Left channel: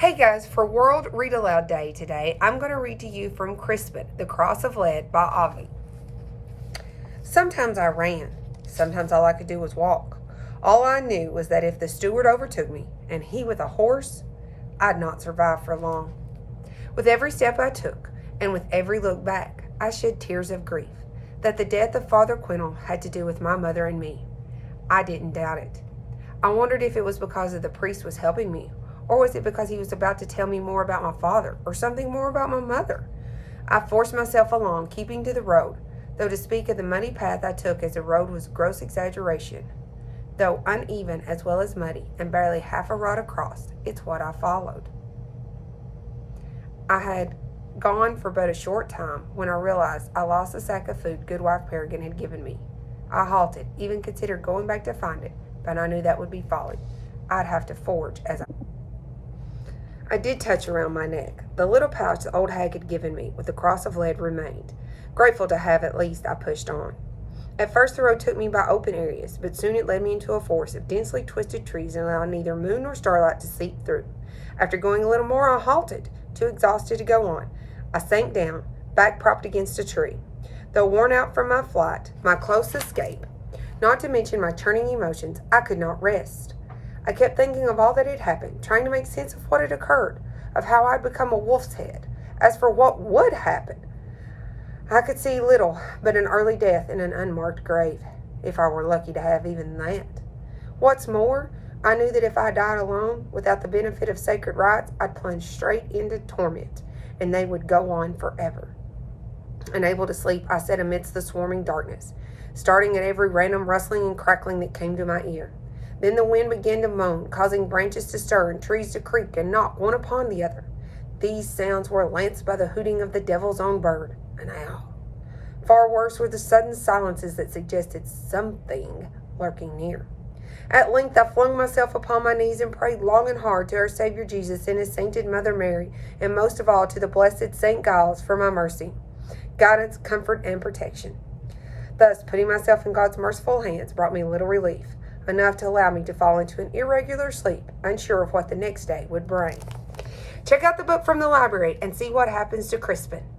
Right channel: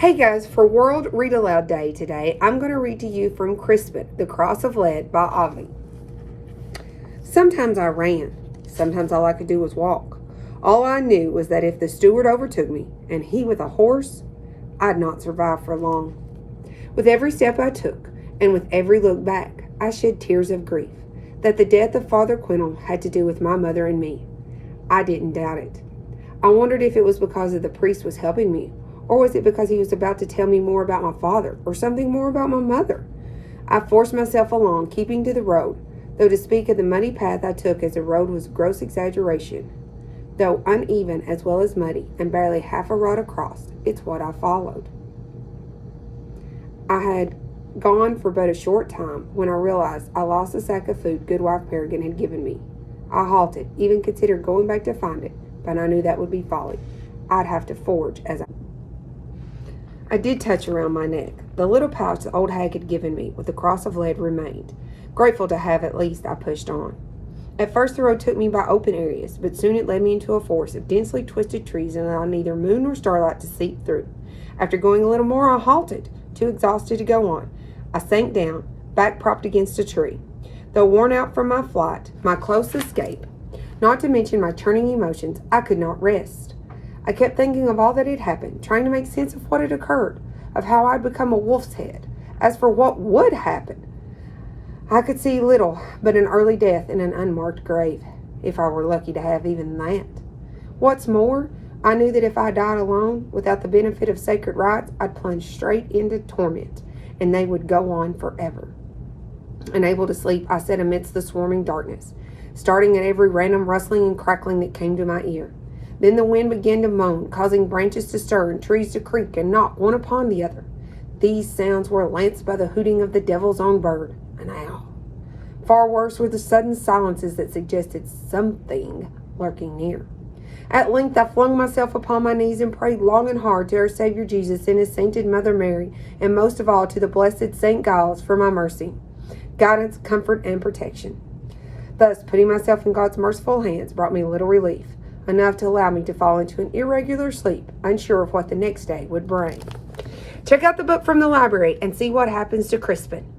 Hey guys, for World Read Aloud Day today, I'm going to read to you from Crispin, The Cross of Lead by Ogden. Sometimes I ran. Sometimes all I could do was walk. All I knew was that if the steward overtook me, and he with a horse, I'd not survive for long. With every step I took, and with every look back, I shed tears of grief that the death of Father Quintal had to do with my mother and me. I didn't doubt it. I wondered if it was because the priest was helping me, or was it because he was about to tell me more about my father, or something more about my mother? I forced myself along, keeping to the road, though to speak of the muddy path I took as a road was gross exaggeration. Though uneven as well as muddy, and barely half a rod across, it's what I followed. I had gone for but a short time when I realized I lost the sack of food Goodwife Peregrine had given me. I halted, even considered going back to find it, but I knew that would be folly. I'd have to forage as I did touch around my neck. The little pouch the old hag had given me with the cross of lead remained. Grateful to have at least, I pushed on. At first the road took me by open areas, but soon it led me into a forest of densely twisted trees and allowed neither moon nor starlight to seep through. After going a little more, I halted, too exhausted to go on. I sank down, back propped against a tree. Though worn out from my flight, my close escape, not to mention my turning emotions, I could not rest. I kept thinking of all that had happened, trying to make sense of what had occurred, of how I'd become a wolf's head. As for what would happen, I could see little but an early death in an unmarked grave, if I were lucky to have even that. What's more, I knew that if I died alone, without the benefit of sacred rites, I'd plunge straight into torment, and they would go on forever. Unable to sleep, I sat amidst the swarming darkness, starting at every random rustling and crackling that came to my ear. Then the wind began to moan, causing branches to stir and trees to creak and knock one upon the other. These sounds were lanced by the hooting of the devil's own bird, an owl. Far worse were the sudden silences that suggested something lurking near. At length I flung myself upon my knees and prayed long and hard to our Savior Jesus and his sainted Mother Mary, and most of all to the blessed St. Giles for my mercy, guidance, comfort, and protection. Thus, putting myself in God's merciful hands brought me little relief, enough to allow me to fall into an irregular sleep, unsure of what the next day would bring. Check out the book from the library and see what happens to Crispin.